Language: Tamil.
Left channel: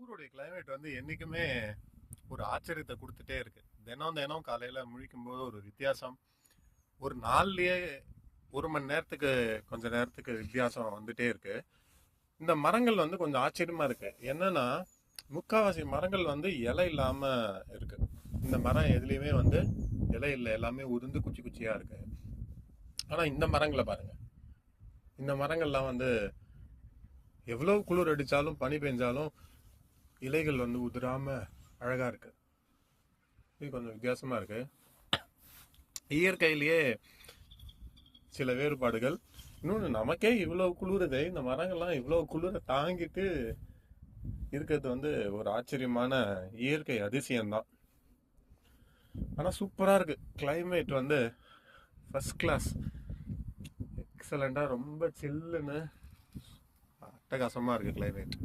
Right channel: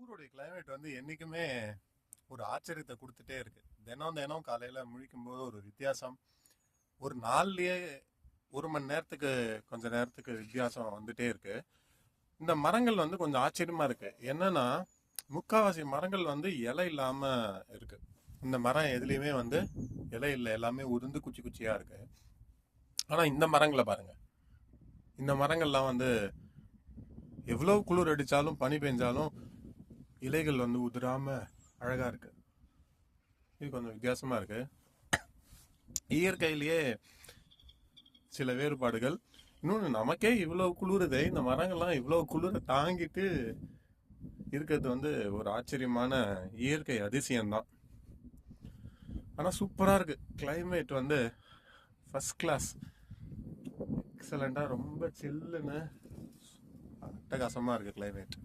ஊருடைய கிளைமேட் வந்து என்னைக்குமே ஒரு ஆச்சரியத்தை கொடுத்துட்டே இருக்கு. தினம் தினம் காலையில முழிக்கும் போது ஒரு வித்தியாசம். ஒரு நாள்லயே 1 மணி நேரத்துக்கு கொஞ்ச நேரத்துக்கு வித்தியாசம் வந்துட்டே இருக்கு. இந்த மரங்கள் வந்து கொஞ்சம் ஆச்சரியமா இருக்கு. என்னன்னா, முக்காவாசி மரங்கள் வந்து இலை இல்லாம இருக்கு. இந்த மரம் எதுலயுமே வந்து இலை இல்லை, எல்லாமே உதிர்ந்து குச்சி குச்சியா இருக்கு. ஆனா இந்த மரங்களை பாருங்க. இந்த மரங்கள்லாம் வந்து எவ்வளவு குளிர் அடிச்சாலும் பனி பெஞ்சாலும் இலைகள் வந்து உதிராம அழகா இருக்கு. இது கொஞ்சம் வித்தியாசமா இருக்கு. இயற்கையிலேயே சில வேறுபாடுகள். இன்னொன்று, நமக்கே இவ்வளவு குளிருதே, இந்த மரங்கள்லாம் இவ்வளவு குளிரை தாங்கிட்டு இருக்கிறது வந்து ஒரு ஆச்சரியமான இயற்கை அதிசயம்தான். ஆனால் சூப்பராக இருக்கு. கிளைமேட் வந்து ஃபர்ஸ்ட் கிளாஸ், எக்ஸலண்டா, ரொம்ப சில்லுன்னு அட்டகாசமா இருக்கு கிளைமேட்.